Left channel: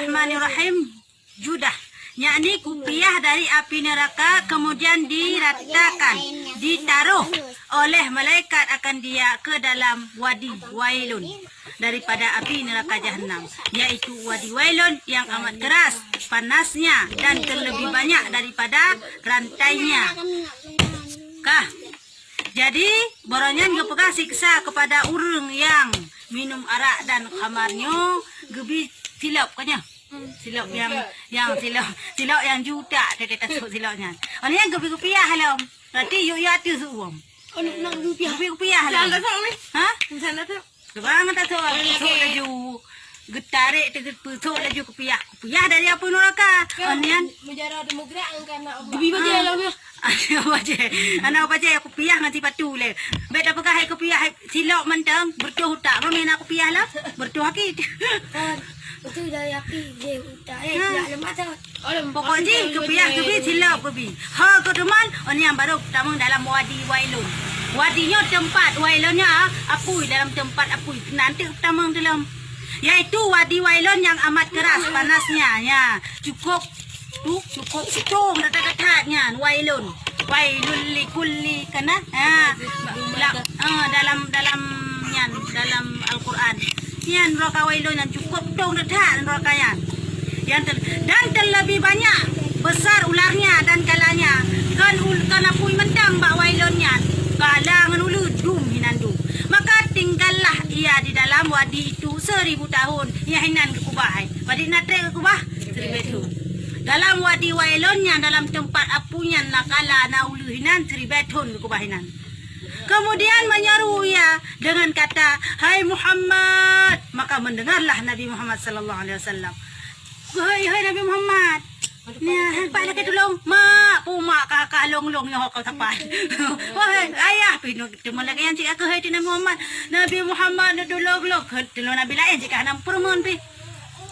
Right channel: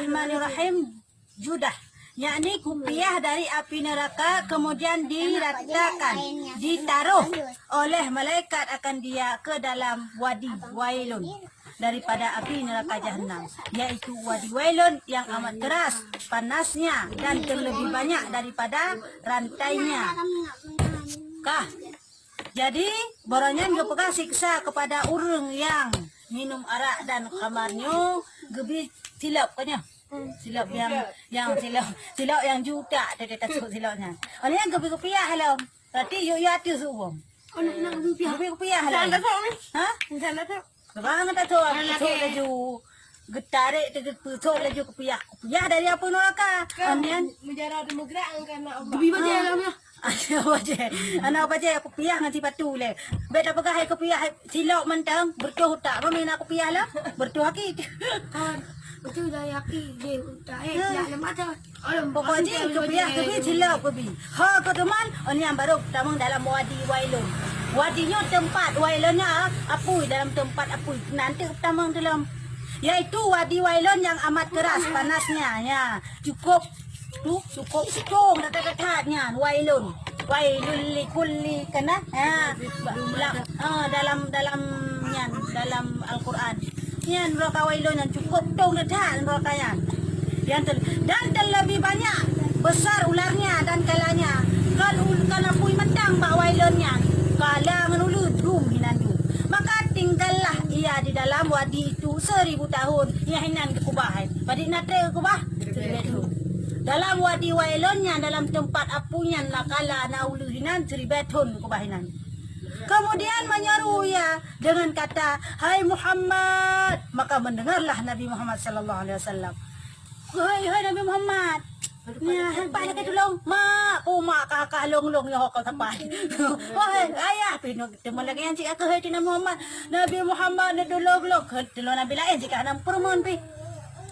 Bismillahirrahmanirrahim. Judah, yakni kupiah dari api neraka, kemudian diratakan, ditaruh oleh malaikat akan dia ke dalam wadi wailun daripada api neraka jahanam, yaitu wadi wailun yang amat keras panasnya dan terlebih banyak daripada rantainya. Kah? Jadi boronyan gepeka siksa kepada orang yang minum arak dan khamarnya gebi silap kanya. Silap yang silap yang juta dia tasuk silapnya. Oleh yang gebi piah halam. Berarti yo ya tu suam. Anak nak rupiah. Gebi piah halam. Jangan tahu ni. Ha? Jangan tahu. Sekarang tak tahu aku laju getarik tu pusuk laju kepiah. Kepiah dari apa neraka? Onian Menjara demokrat angkan nak apa. Bibi baca lah ni. Anak baca aku piah nganti patu le. Bet apa kah aku piah silap mentang bertuh tak main aku piah lah. Bertuh hakit. Betul dah api dia udah nak lemak dah. Pokoknya kepiah kepi silap kepi. Ha ke teman onian baru pertama dalam wadi wailun. Wadinya tempat wailunnya apui dalam tempat apui. Nanti pertama dalam yaitu wadi wailun yang amat keras panasnya ya. Cukup cukup dekat-dekatnya wailun likulli kana dalam Al-Quran yan neraka wailun yang cukup dong dekat neraka yang dan terlebih banyak besar ularnya dan kalanya kan apui mentang bak wailunnya kalangan ulu dum hinandu maka tinggallah ia di dalam wadi itu 1000 tahun ia hinan ke kubah pada natre ke kubah 1000 tahun dalam wadi wailunnya dalam tempat apunya nakala nauluhinan 1000 tahun ke kubahinan. Kemudian menyeru ia dengan kata, "Hai Muhammad." Maka mendengarlah Nabi Muhammad sallallahu alaihi wasallam. Hai Nabi Muhammad. Ya, pak lagi tolong. Mak, mak kakak long-long yang kau tapai. Wahai ayah, pino temu lagi yang cik aku hai Nabi Muhammad. Nabi Muhammad tolong. Tolong Nabi lain jika nam perempuan pi.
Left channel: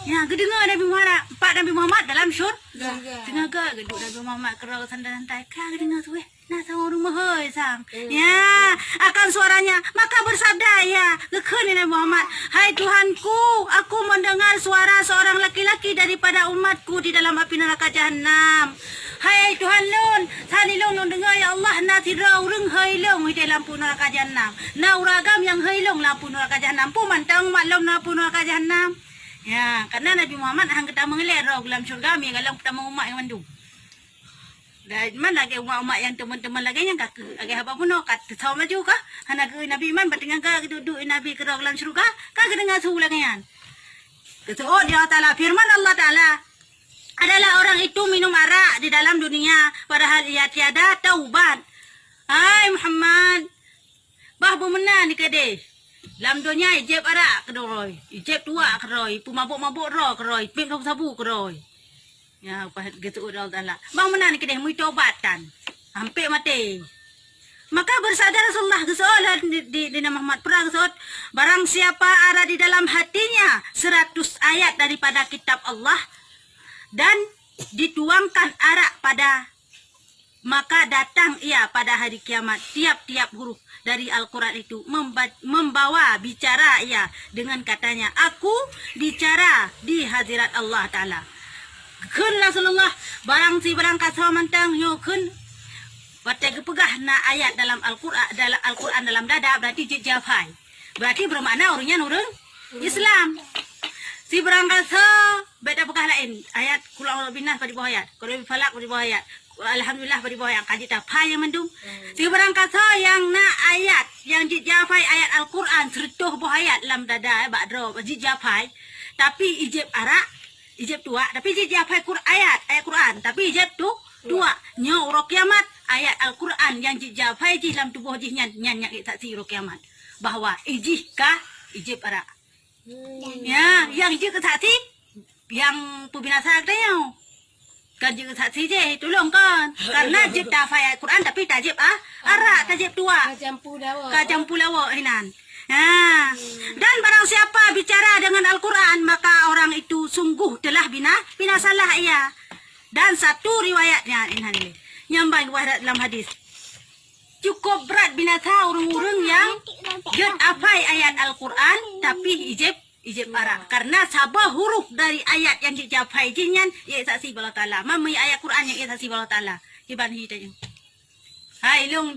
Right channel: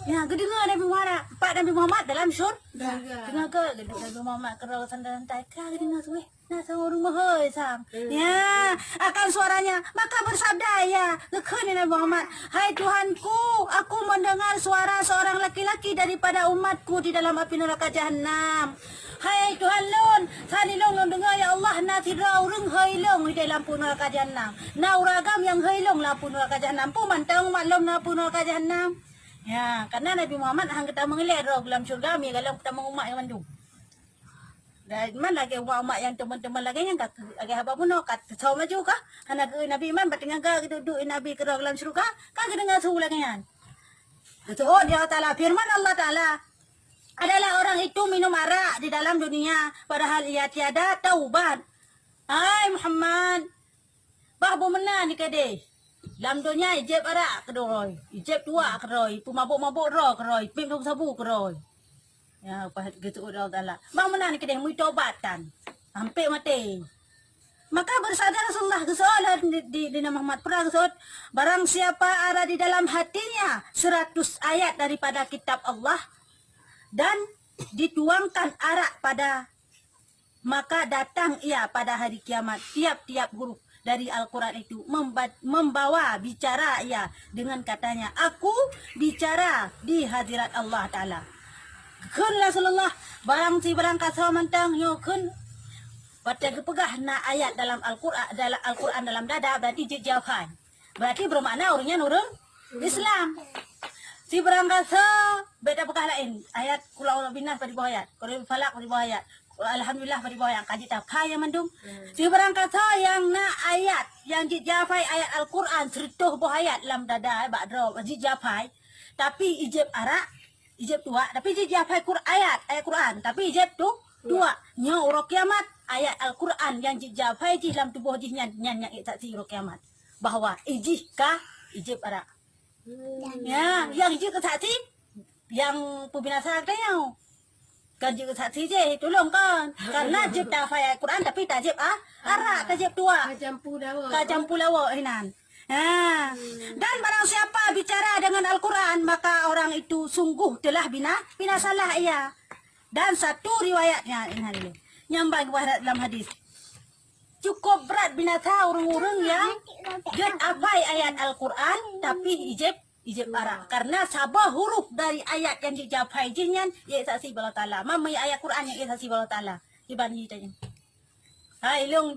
Ya, kedengar Nabi Muhammad, Pak Nabi Muhammad dalam syurga. Dengar ke geduk Nabi Muhammad kerau santai-santai. Kau dengar tu Nah, sang orang mahal sang. Ya, akan suaranya maka bersabda ya, gekeni Nabi Muhammad, "Hai Tuhanku, aku mendengar suara seorang laki-laki daripada umatku di dalam api neraka jahanam. Hai Tuhan lun, sani long dengar ya Allah nasira urang hailong di dalam neraka jahanam. Na uragam yang hailong lampu neraka jahanam. Pu mantang maklum lampu neraka jahanam." Ya, karena Nabi Muhammad hang kita mengelir dalam syurga mi galang pertama umat yang mandung. Dan mana lagi umat yang teman-teman lagi yang kak agak apa pun kat tahu maju kah? Hana ke Nabi Iman berdengar ke duduk Nabi ke dalam syurga, kak dengar suhu lagi kan? Itu oh dia Taala firman Allah Taala adalah orang itu minum arak di dalam dunia padahal ia tiada taubat. Hai Muhammad, bah bemenan ni kade. Dalam dunia ijeb arak kedoi, ijeb tua kedoi, pu mabuk-mabuk ro kedoi, pim sabu kedoi. Ya, apa gitu Allah Taala. Bang mana ni kedai mu taubatan. Hampir mati. Maka bersabda Rasulullah kesoalan di Nabi Muhammad perang kesot, barang siapa ada di dalam hatinya 100 ayat daripada kitab Allah dan dituangkan arak pada maka datang ia pada hari kiamat tiap-tiap huruf dari Al-Quran itu membawa bicara ia dengan katanya, aku bicara di hadirat Allah Ta'ala. Kun Rasulullah barang si berangkat sama mantang yo kun baca gepegah na ayat dalam Al-Quran dalam dada berarti jafai. Berarti bermakna orangnya orang Islam. Si berangkat beda pegah lain ayat kulau binas pada bawah ayat, kulau falak pada bawah ayat. Alhamdulillah pada bawah yang kaji tapai yang mandung. Si berangkat yang na ayat yang jafai ayat Al-Quran sertuh bawah ayat dalam dada badro jafai tapi ijib arak ijab tua, tapi ijab ayat Quran, tapi ijab tu tua. Nya uro kiamat ayat Al-Quran yang ijab di dalam tubuh jihnya nyanyak saksi uro kiamat bahwa ijika ijab ara. Ya, yang ijik saksi yang pembinasa katanya. Kan ijik saksi je tolong kan. Karena ijab ayat Quran tapi tajib ara, tajib tua. Kajampu lawa hinan. Nah, dan barang siapa bicara dengan Al-Quran maka orang itu sungguh telah binasalah ia. Dan satu riwayatnya ini nyambai dalam hadis. Cukup berat binasa orang-orang yang jod apai ayat Al-Quran tapi ijib arak karena sabah huruf dari ayat yang dijapai jinyan ia saksi Allah Taala mamai ayat Quran yang ia saksi Allah Taala iban hitanya hai ilong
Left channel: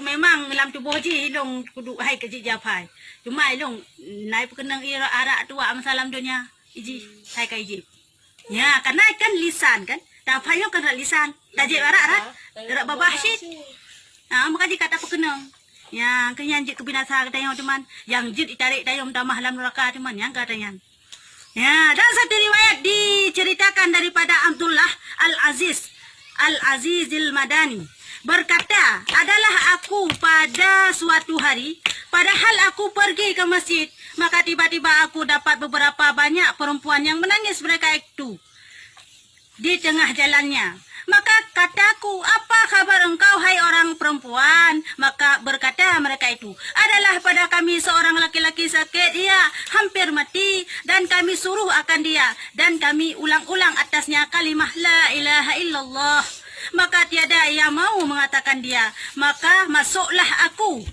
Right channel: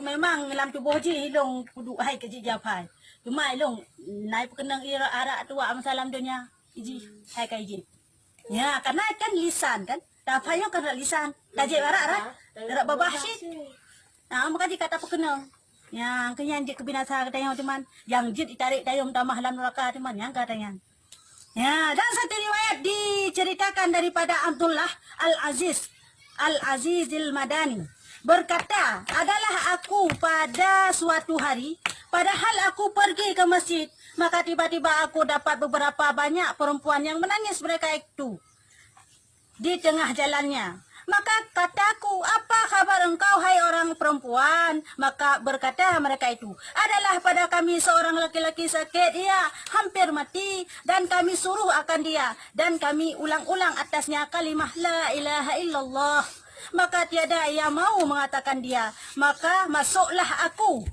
memang dalam tubuh ji ilong kudu hai ke japai cuma ilong naik kenang ira arak tua masalam dunia iji hai ka ijib ya karena kan lisan kan tak payah kan lisan tajib arak babah syit maka jika kata pekenang yang kenyan jik kebinasa katanya cuman yang jik ditarik dayung tamah dalam neraka cuman yang katanya ya dan satu riwayat diceritakan daripada Abdullah Al-Azizil Madani berkata adalah aku pada suatu hari padahal aku pergi ke masjid maka tiba-tiba aku dapat beberapa banyak perempuan yang menangis mereka itu di tengah jalannya. Maka kataku, apa kabar engkau hai orang perempuan? Maka berkata mereka itu, adalah pada kami seorang laki-laki sakit, ia hampir mati. Dan kami suruh akan dia. Dan kami ulang-ulang atasnya kalimah la ilaha illallah. Maka tiada ia mau mengatakan dia. Maka masuklah aku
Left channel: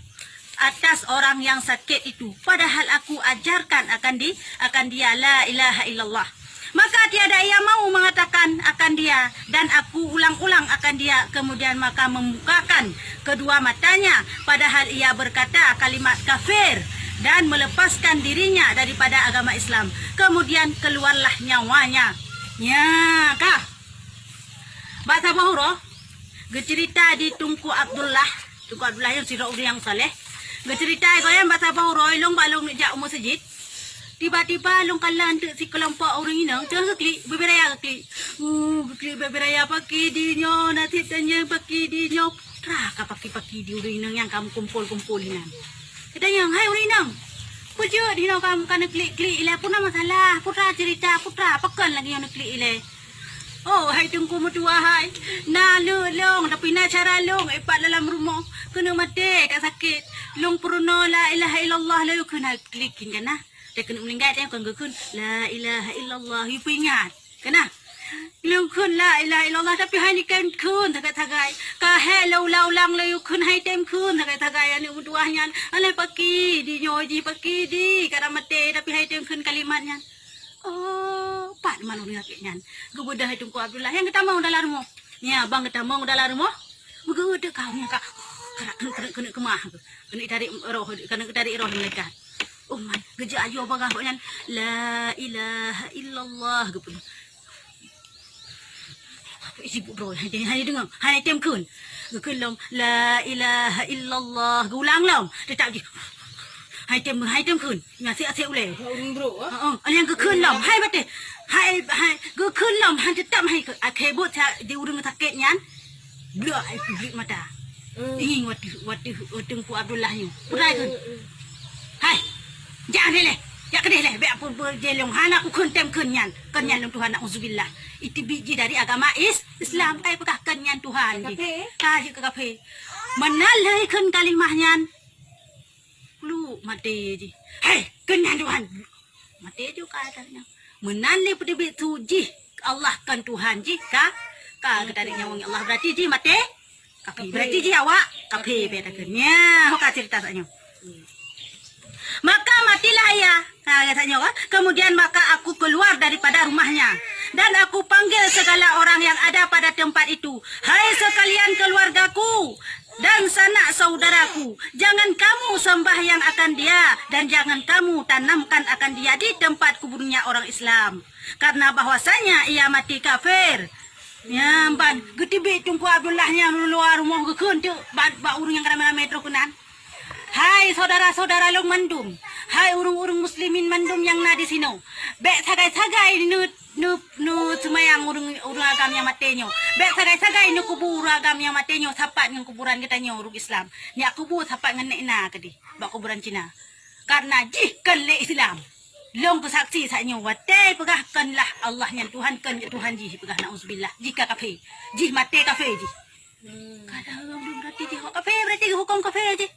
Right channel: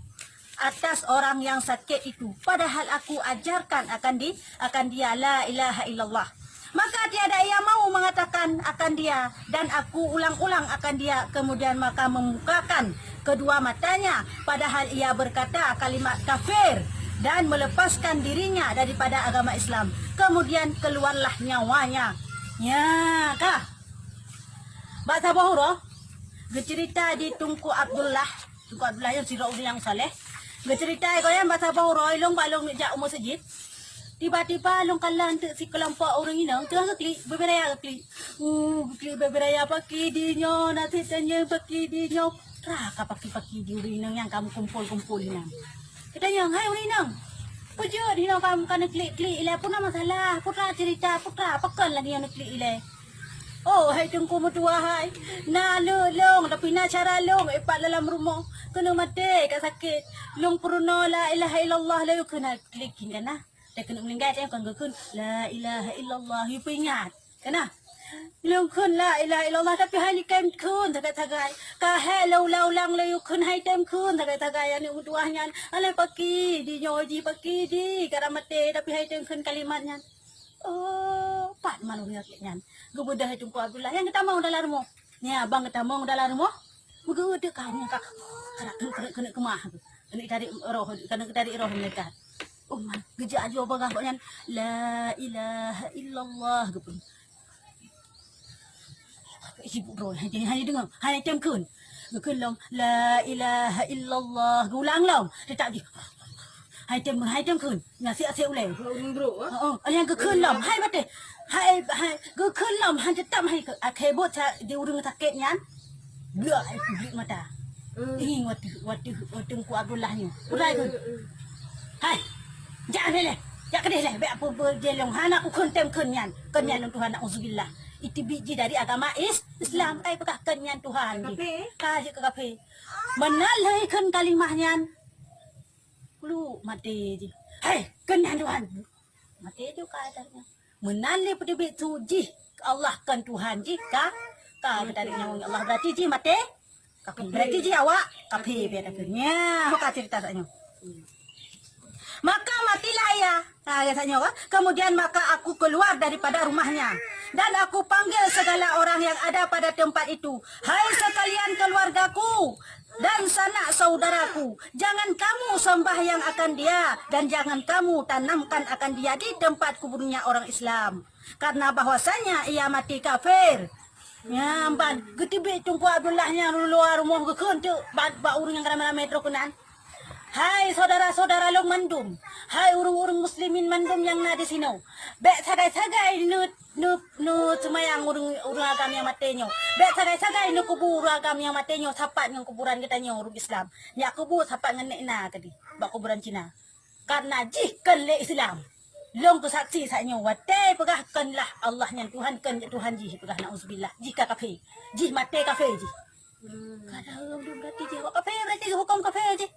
atas orang yang sakit itu. Padahal aku ajarkan akan dia la ilaha illallah. Maka tiada ia mau mengatakan akan dia dan aku ulang-ulang akan dia. Kemudian maka membukakan kedua matanya padahal ia berkata kalimat kafir dan melepaskan dirinya daripada agama Islam. Kemudian keluarlah nyawanya. Ya kah? Bahasa Bahura cerita di Tunku Abdullah yang sirah yang saleh. Cerita ko yan bahasa Bahura ilong balong ni ja umur sejid. Tiba-tiba long kalan si kelompok orang inang tengah klik beberaya klik beberaya pakai dinyo nanti tanya pakai dinyo putra ka pakai di orang inang yang kamu kumpul-kumpulinan katanya hai orang inang pujo dinyo kamu kana klik ile pun masalah putra cerita putra pakan lagi yang klik ile oh hai tengku mertua hai na long tapi na cara long epat dalam rumah kena mati kat sakit long puruna la ilaha illallah la kena klikin kana dia kena meninggal dia akan gekun la ilaha illallah you ingat kena long kun la ilaha illallah tapi hai ni kan kun tagai ka hello lang la you kun hai tem kun tagai ani uduahnya alai paki di nyoji paki di kada mate tapi hai tem kun kalimatnya oh pat mana ni akiknya gebedah itu ku Abdullah yang kita mau dalam rumah ya bang kita mau dalam rumah begede kau nya kak kena kemah kena tarik roh mereka. Oh man, gejak aja apa kah la ilaha illallah ke pun. Apa isi bro? Hanya dengar, hanya temkun. Gekun long la ilaha illallah. Ulang long. Dia tak pergi. Hai temkun. Ngasih asyik ulai. Bro. Yang gekun long. Hai bate. Hai gekun long. Han tetap hai kebot di urang sakitnya. Blak blik mata. Ingin waktu ku Abdullah ni. Purai tu. Hai. Jangan leh. Jangan kedeh leh. Biar pun berjelong. Anak aku kentem kenyan. Kenyan Tuhan. Na'udzubillah. Itu biji dari agama Islam. Kaya pekah kenyan Tuhan. Kaya ke kafe. Menalai ken kalimahnya. Lu mati je. Hei. Kenyan Tuhan. Mati juga katanya. Menalai pada betul ji. Allah kan Tuhan ji. Kah ketadiknya wong Allah. Berarti ji mati. Kafe. Berarti ji awak. Kafe. Bedakannya. Hoka cerita saknya. Maka matilah ia. Katanya kan. Kemudian maka aku keluar daripada rumahnya. Dan aku panggil segala orang yang ada pada tempat itu. Hai sekalian keluargaku. Dan sanak saudaraku. Jangan kamu sembahyang akan dia. Dan jangan kamu tanamkan akan dia di tempat kuburnya orang Islam. Karena bahwasanya ia mati kafir. Ya, ban. Getibik tungku Abdullahnya luar rumah gekun tu. Ba urang yang ramai metro kenan. Hai saudara-saudara long mandum. Hai urung-urung muslimin mandum yang na di sini. Bek sagai-sagai nu semayang urung agam yang matenyo. Bek sagai-sagai nu kubur agam yang matenyo sapat dengan kuburan kita nyo urung Islam. Ni aku kubur sapat dengan nek kadi. Bak kuburan Cina. Karena jihkan le Islam. Long kesaksi saknyo wate pegahkanlah Allah yang Tuhan kan Tuhan jih pegah nauzubillah. Jika kafir. Jih mate kafir jih. Kalau berarti jih kafir berarti hukum kafir jih.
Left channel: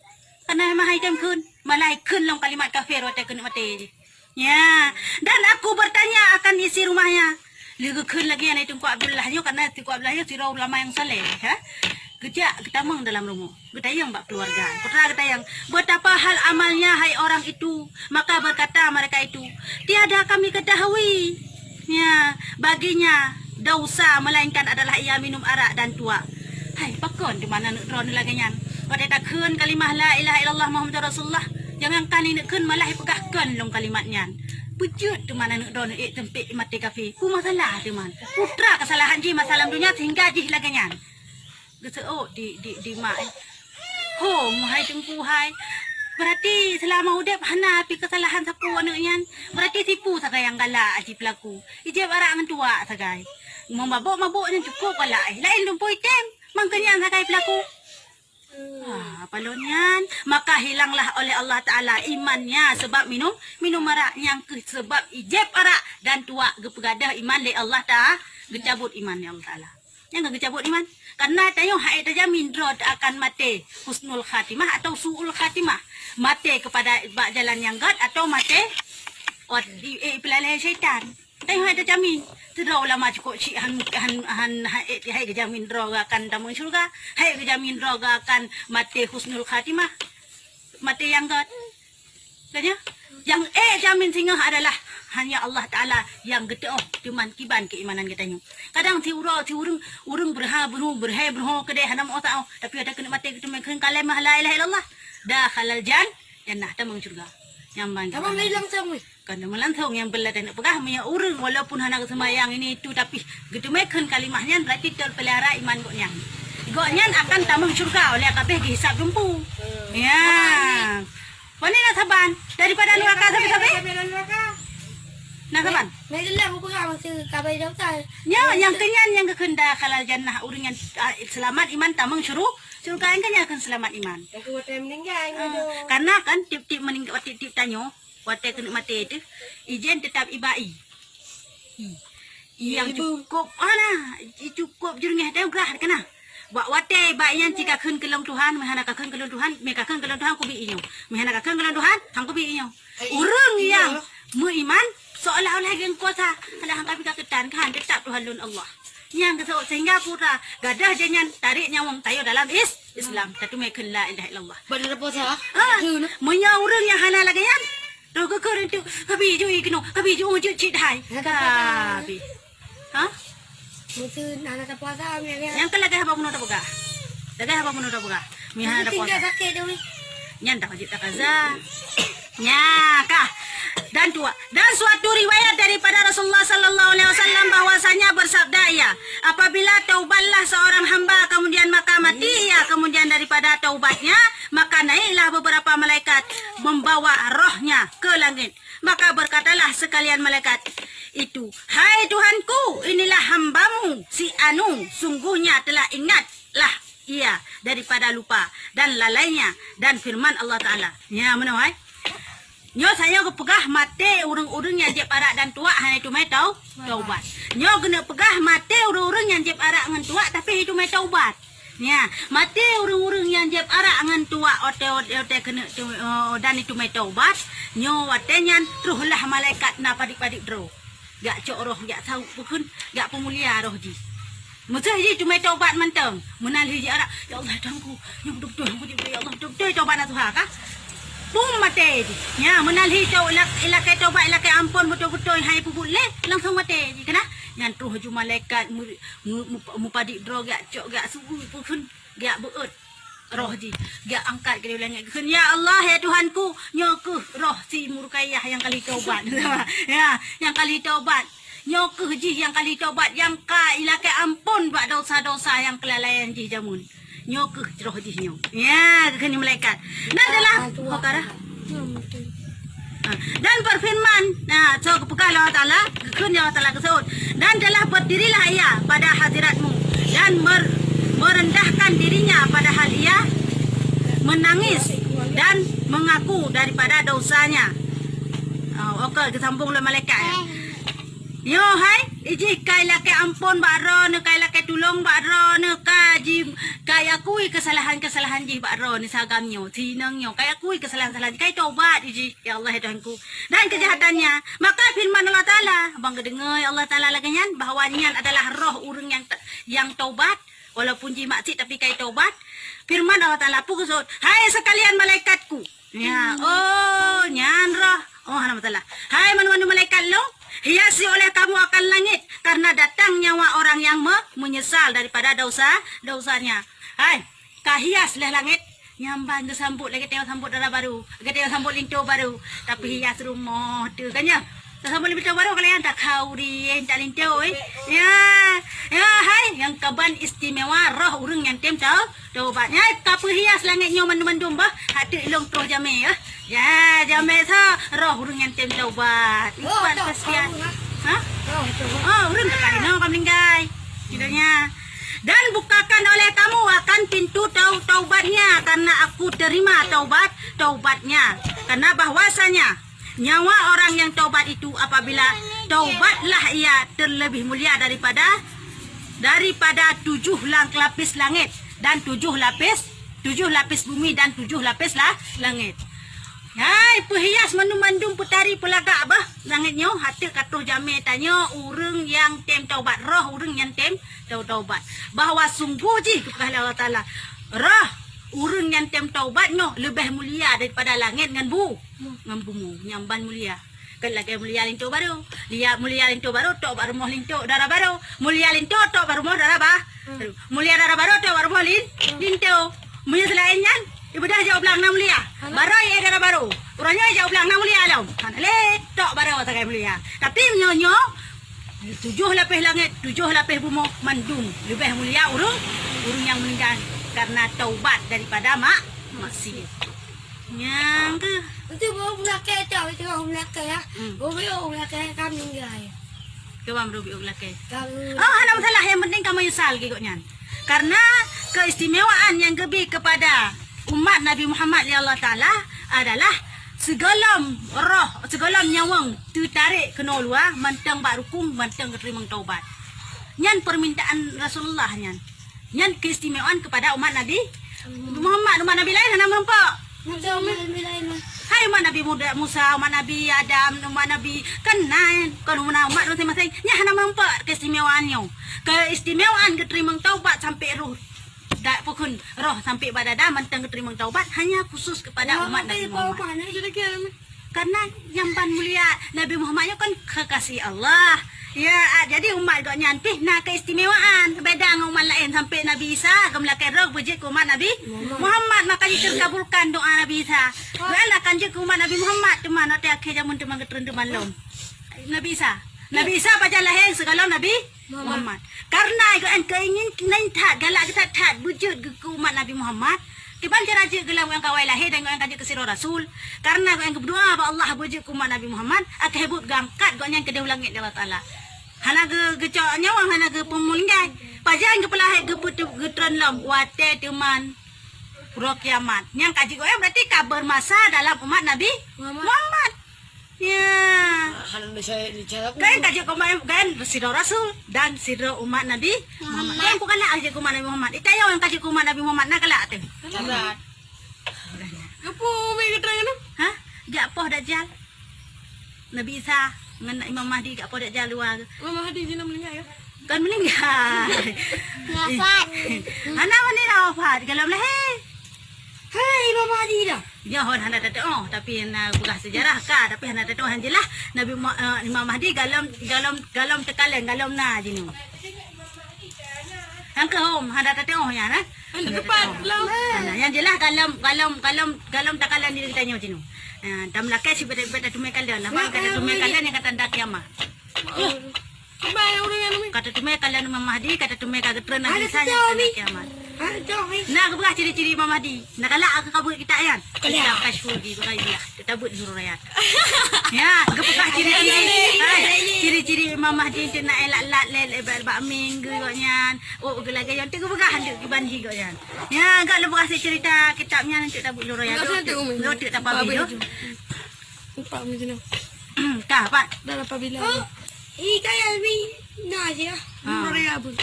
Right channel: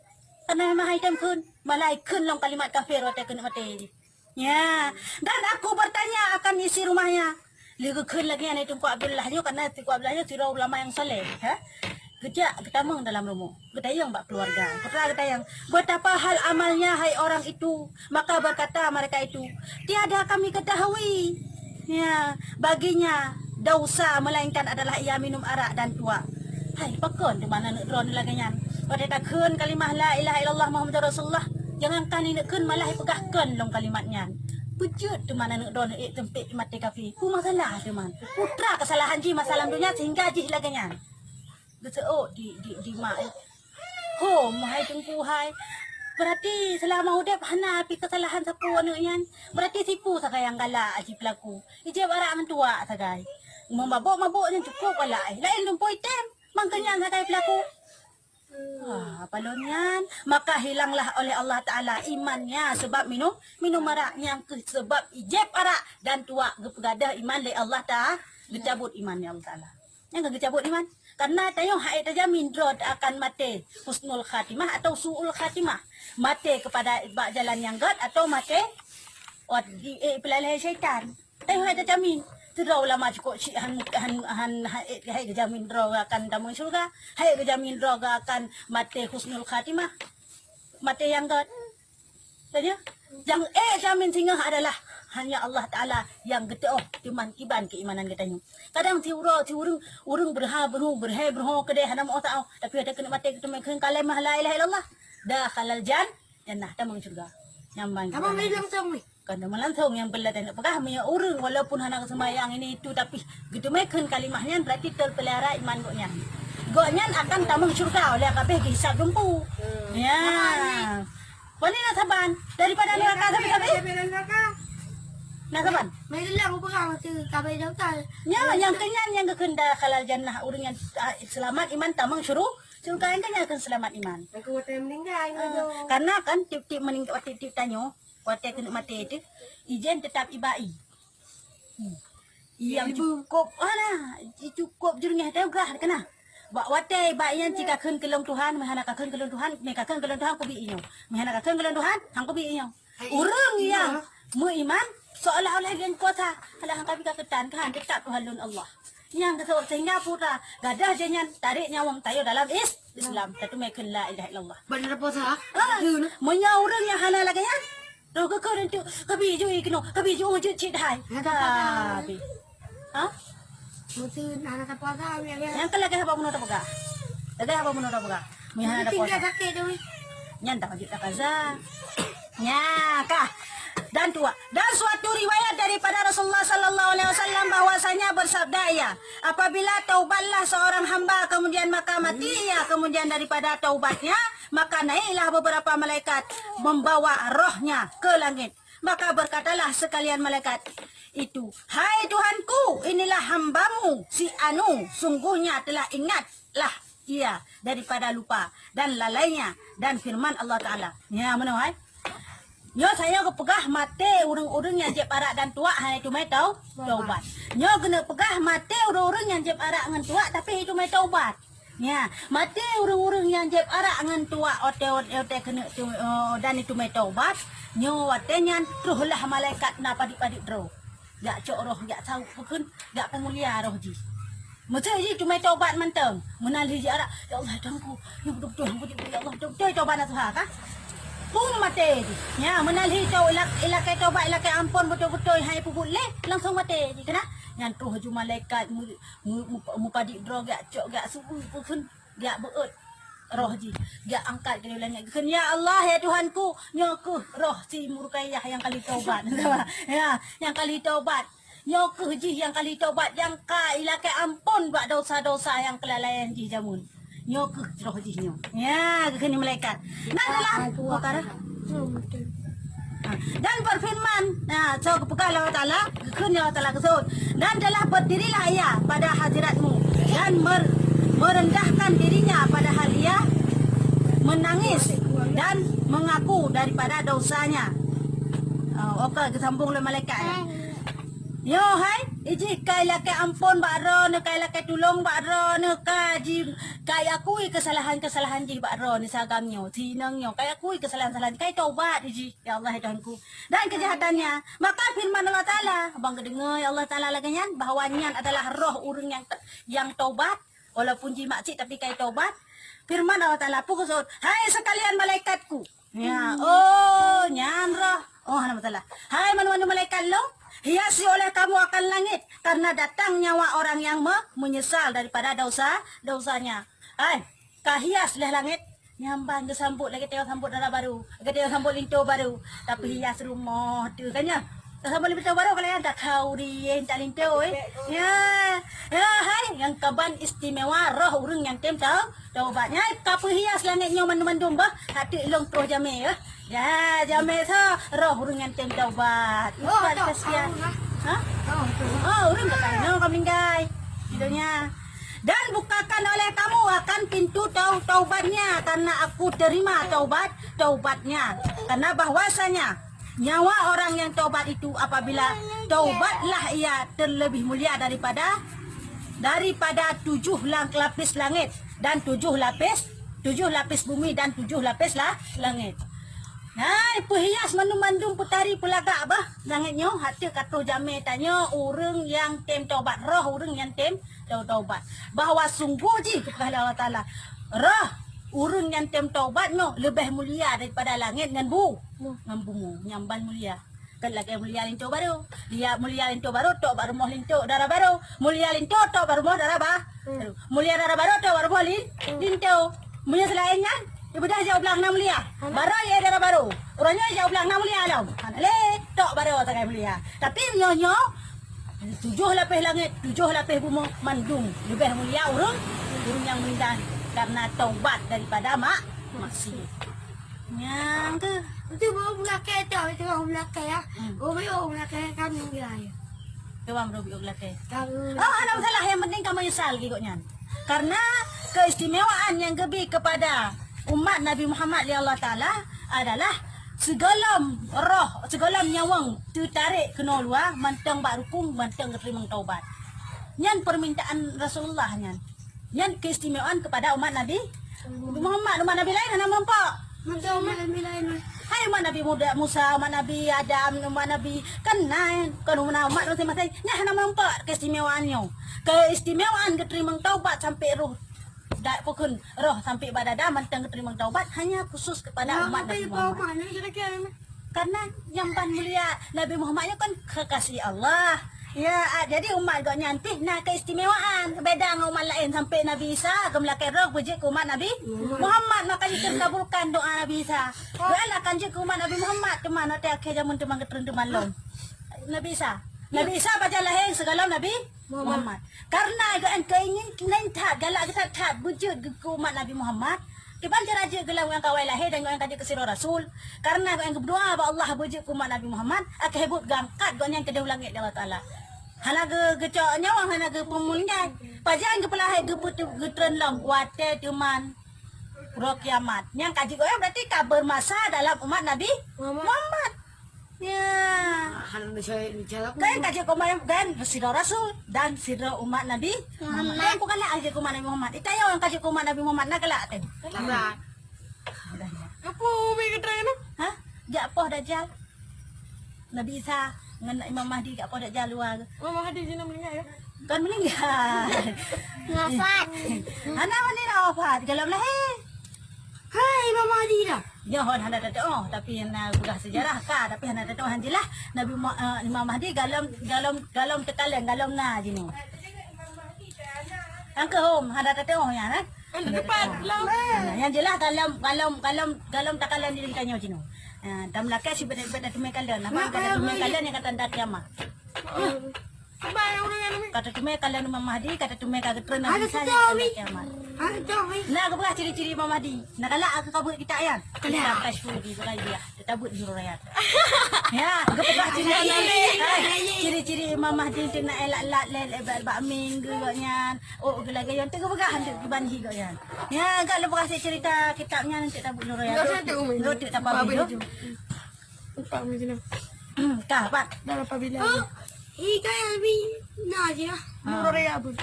Karena mahai temkun, malai kun long kalimat kafir wate kun mate je. Ya, dan aku bertanya akan isi rumahnya. Lagi kun lagi yang itu Abdullah nyo karena Tuku Abdullah nyo sirah ulama yang saleh, ha? Gejak ketamang dalam rumah. Getayang bak keluarga. Putra getayang. Betapa hal amalnya hai orang itu. Maka berkata mereka itu, tiada kami ketahui. Ya, baginya dosa melainkan adalah ia minum arak dan tua. Hai, pakon di mana nak drone lagi nyan. Pada tak kun kalimah la ilaha illallah Muhammadur Rasulullah. Jangan kan ini kun malah pegahkan long kalimatnya. Bujut di mana nak drone tempik mati kafi. Ku masalah di mana. Putra kesalahan ji masalah dunia sehingga ji lagi nyan. Gitu di mak. Ho, hai tengku hai. Berarti selama udap hana api kesalahan sapu anaknya. Berarti tipu sagai yang galak aji pelaku. Ijab arak dengan tua sagai. Mabuk-mabuknya cukup galak. Lain lumpur item. Mangkanya sagai pelaku. Palonyan. Maka hilanglah oleh Allah Ta'ala imannya. Sebab minum arak yang sebab ijab arak dan tua. Gepegadah iman le Allah Ta'ala. Gecabut imannya Allah Ta'ala. Yang gecabut iman. Karena tayong hai terjamin drod akan mati husnul khatimah atau suul khatimah. Mati kepada jalan yang gad atau mati pelalai syaitan. Tayong hai terjamin. Terau lama cukup cik hai terjamin drog akan tamu syurga. Hai terjamin drog akan mati husnul khatimah. Mati yang gad. Tanya? Yang jamin singa adalah hanya Allah Ta'ala yang gede cuman kiban keimanan katanya. Kadang urung berha kedai hana mau tahu tapi ada kena mati kita makan kalimah la ilaha illallah dah halal jannah tamang surga. Nyambang. Kamu mai langsung ni. Kan melangsung yang belat nak pegah punya urung walaupun hana semayang ini itu tapi gitu makan kalimahnya berarti terpelihara iman goknya. Goknya akan tamang surga oleh kabeh hisab jumpu. Ya. Wani nasaban daripada neraka sampai nasaban. Mai lang ko ka masih kabay daw tay. Ya, yang kenyan yang kekenda halal jannah urang yang selamat iman tamang surga yang kenyan akan selamat iman. Aku time meninggal Karena kan tip-tip meninggal tip tanyo, waktu kena mati itu ijen tetap ibai. Yang cukup cukup jurungnya tayong gerah kena. Wate baiknya jika kun kelong Tuhan, mehana kakun kelong Tuhan, mereka kun kelong Tuhan ku bi inyo. Mehana kakun kelong Tuhan, hang ku bi inyo. Urang yang beriman seolah-olah yang kuasa ada hang kapi kaketan kan tetap Tuhan lun Allah. Yang kesok sehingga putra gadah jangan tarik nyawang tayo dalam Islam. Tatu meken la ilaha illallah. Benar apa sih? Monya urang yang hana lagi yan. Do ke tu kabi ju ikno, kabi ju ju cit hai. Kabi. Mesti anak puasa ni. Yang kelagay haba muno tabuga. Lagay haba muno tabuga. Mihana da puasa. Sakit dewi. Nyan tak wajib kaza. Nya kah. Dan suatu riwayat daripada Rasulullah sallallahu alaihi wasallam bahwasanya bersabda ia, apabila taubatlah seorang hamba kemudian maka mati ia kemudian daripada taubatnya maka naiklah beberapa malaikat membawa rohnya ke langit. Maka berkatalah sekalian malaikat itu, hai Tuhanku, inilah hambamu si Anu, sungguhnya telah ingatlah ia daripada lupa dan lalainya dan firman Allah Ta'ala. Ya mana hai? Nyo saya ke pegah mati urang-urang yang jeb arak dan tua hanya itu mai taubat. Nyo kena pegah mati urang-urang yang jeb arak dengan tua tapi itu mai taubat. Ya, mati urang-urang yang jeb arak dengan tua ote kena dan itu mai taubat. Nyo watenya ruhlah malaikat na padik-padik dro. Gak cok roh gak tahu pun gak pemulia roh ji. Mesti ji tu mai taubat manteng. Menali ji arak. Ya Allah dangku. Nyo betul ya Allah betul taubat na Tuhan kah? Pum mati je. Ya, menalhi tau ilakai taubat ilakai ampun betul-betul hai puput le langsung mati je kena. Yang truh ju malaikat mu padik drog gak cok gak subuh pun gak beut roh ji. Gak angkat ke langit. Ya Allah ya Tuhanku, nyokuh roh si Murukayah yang kali taubat. Ya, yang kali taubat. Nyokuh ji yang kali taubat yang ka ilakai ampun buat dosa-dosa yang kelalaian ji jamun. Nyokuh roh ji nyo. Ya, kini malaikat. Dan dalam perkara dan berfirman, so kepekal Allah Ta'ala, kekun Allah Ta'ala kesud. Dan telah berdirilah ia pada hadiratmu dan merendahkan dirinya padahal ia menangis dan mengaku daripada dosanya. Okey, kesambung oleh malaikat ya. Yo hai, iji kai lake ampun bakro ne kai lake tulung bakro ne kai akui kesalahan-kesalahan ji bakro ne sagamnyo tinangyo kai akui kesalahan-kesalahan kai taubat iji ya Allah ya Tuhanku dan kejahatannya maka firman Allah Taala bang kedengar Allah Taala laganyan bahawa nian adalah roh urang yang taubat walaupun ji maksud tapi kai taubat. Firman Allah Taala pukusut, hai sekalian malaikatku. Ya, oh nyan roh. Oh nama Taala. Hai manu-manu malaikat lo, hiasi oleh kamu akan langit karena datang nyawa orang yang menyesal daripada dosanya. Hai, kahias leh langit. Nyambang ke sambut lagi tengok sambut darah baru. Lagi tengok sambut linto baru. Tapi hias rumah tu kan ya. Tak sambut linto baru kalian tak kau di tak linto Ya. Ya hai yang kaban istimewa roh urang yang tem taubatnya kapu hias langit nyo mandum-mandum bah. Hati ilong terus jame ya. Ya jame sa roh urang yang tem taubat. Ikhwan kasihan. Ha? Oh urang tak kali no kamlinggai. Judulnya dan bukakan oleh kamu akan pintu taubatnya karena aku terima taubatnya karena bahwasanya nyawa orang yang taubat itu apabila taubatlah ia terlebih mulia daripada 7 lapis langit dan 7 lapis bumi dan 7 lapis langit. Hai perhias mandum-mandum putari pelagak bah langit nyo hati katuh jame tanya urang yang tem taubat roh urang yang tem taubat bahawa sungguh ji kepada Allah Taala roh urang yang tem taubat nyo lebih mulia daripada langit ngan bumi nyamban mulia kan lagi mulia linto baru lihat mulia linto baru tok baru moh linto darah baru mulia linto tok baru moh darah baru mulia darah baru tok baru moh linto mulia selainnya ibu dah jauh belang nam mulia. Baru ya darah baru. Orangnya jauh belang nam mulia alam. Le tok baru tak mulia. Tapi nyo 7 lapis langit, 7 lapis bumi mandum lebih mulia urang yang meninggal karena taubat daripada maksiat. Yang ke Itu baru belakang tak tengok belakang ya. Baru belakang kami gay. Kewam robi belakang. Kami. Oh, ada masalah yang penting kamu nyesal gigoknya. Karena keistimewaan yang lebih kepada umat Nabi Muhammad li Allah Taala adalah segala roh, segala nyawang tertarik kena luar mantang bak rukun, mantang keterima taubat. Nyan permintaan Rasulullah nyan. Nyan keistimewaan kepada umat Nabi Muhammad, umat Nabi lain hana merempak. Hai umat Nabi Musa, umat Nabi Adam, umat Nabi Kanan, kalau umat masing-masing, nya hana merempak keistimewaannya. Keistimewaan keterima taubat sampai roh dak pukun roh sampai badada mantang keterima taubat hanya khusus kepada umat Nabi Muhammad. Karena nyamban mulia Nabi Muhammad kan kekasih Allah. Ya, jadi umat gak nyanpih nah keistimewaan beda dengan umat lain sampai Nabi Isa kemlakai roh bujik umat Nabi Muhammad makanya terkabulkan doa Nabi Isa. Doa akan je umat Nabi Muhammad teman nanti akhir zaman teman keterenduman lom. Nabi Isa baca lahir segala Nabi Muhammad. Karena kan keingin nentat galak kita tat wujud ke umat Nabi Muhammad. Kiban raja gelang yang kawai lahir dan yang kaji kesiro Rasul. Karena yang berdoa ba Allah wujud ke umat Nabi Muhammad akan hebut gangkat gak yang kedua langit Allah Taala. Hana gecok nyawang hana ge pemulngai. Pajan ke pelahir ge putu getren lam wate teman roh kiamat. Yang kaji goyang berarti kabar masa dalam umat Nabi Muhammad. Ya. Kan kaji kemarin kan sidro Rasul dan sidro umat Nabi Muhammad. Kan bukan lah kaji umat Nabi Muhammad. Itayo yang kaji umat Nabi Muhammad nak kelak teh. Apa mai keterangan tu? Hah? Jak poh dajjal. Nabi Isa dengan Imam Mahdi kat poh dajjal luar. Imam Mahdi dia nak meninggal ya? Kan meninggal. Wafat. Anak ni dah wafat kalau lahir. Hai Imam Mahdi dah. Ya hon hana tahu tapi na bukan sejarah ka tapi hana tahu hanjelah Nabi Imam Mahdi galam tekalan galam na jinu. Ang kahom hana tahu ya na. Cepat lah. Yang jelas galam tekalan di tanya jinu. Tamlakai si beda tumai kalian. Nama kata tumai kalian yang kata dak kiamat. Baik orang yang ni. Kata tumai kalian Imam Mahdi, kata tumai kata pernah bisa yang kata kiamat. Nah, kebegah ciri-ciri Imam Mahdi. Nak kalak aku kabut kita kan. Kita kashfu di bukai dia. Kita buat suruh rakyat. Ya, kebegah ciri-ciri Imam Mahdi tu nak elak-elak lel bak minggu gaknya. Oh, gelagay yang tu kebegah hendak dibanhi gaknya. Ya, agak lebih kasih cerita kitabnya nanti kita buat suruh rakyat. Lo tak apa bila. Empat macam mana? Kah, Pak? Dah apa bila? Ika Albi nak je. Suruh rakyat pun.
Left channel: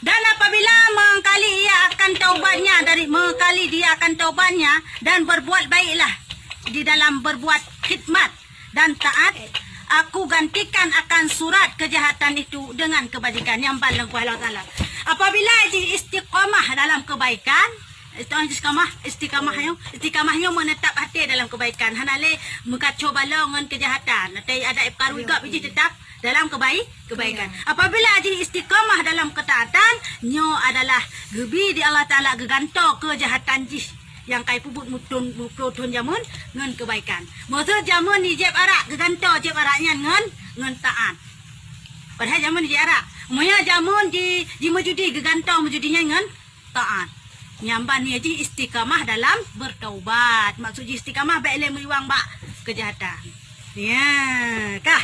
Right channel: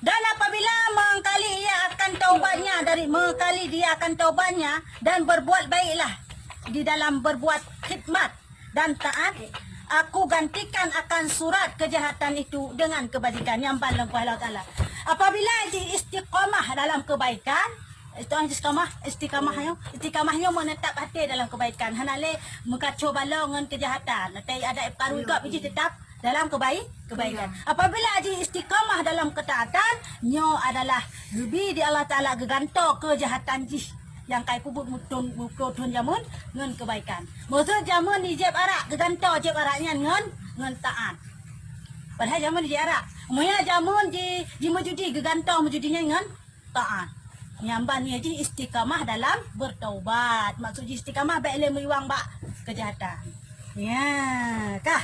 Dan apabila mengkali ia akan taubatnya mengkali dia akan taubatnya dan berbuat baiklah di dalam berbuat khidmat dan taat, aku gantikan akan surat kejahatan itu dengan kebajikan yang paling kuasa Allah Taala. Apabila ji istiqamah dalam kebaikan, itu istiqamahnya menetap hati dalam kebaikan. Hanale mengkacau balongan kejahatan. Nanti ada perkara juga biji tetap dalam kebaikan. Apabila ji istiqamah dalam ketaatan, nyo adalah gebi di Allah Taala geganto kejahatan ji yang kai pubut mutun jamun ngan kebaikan. Maksud jamun ni jeb arak geganto jeb araknya ngan taat. Padahal jamun di arak. Umumnya jamun di mujudi geganto mujudinya ngan taat. Nyamban ni ji istiqamah dalam bertaubat. Maksud ji istiqamah baik le meliwang bak kejahatan. Ya, kah?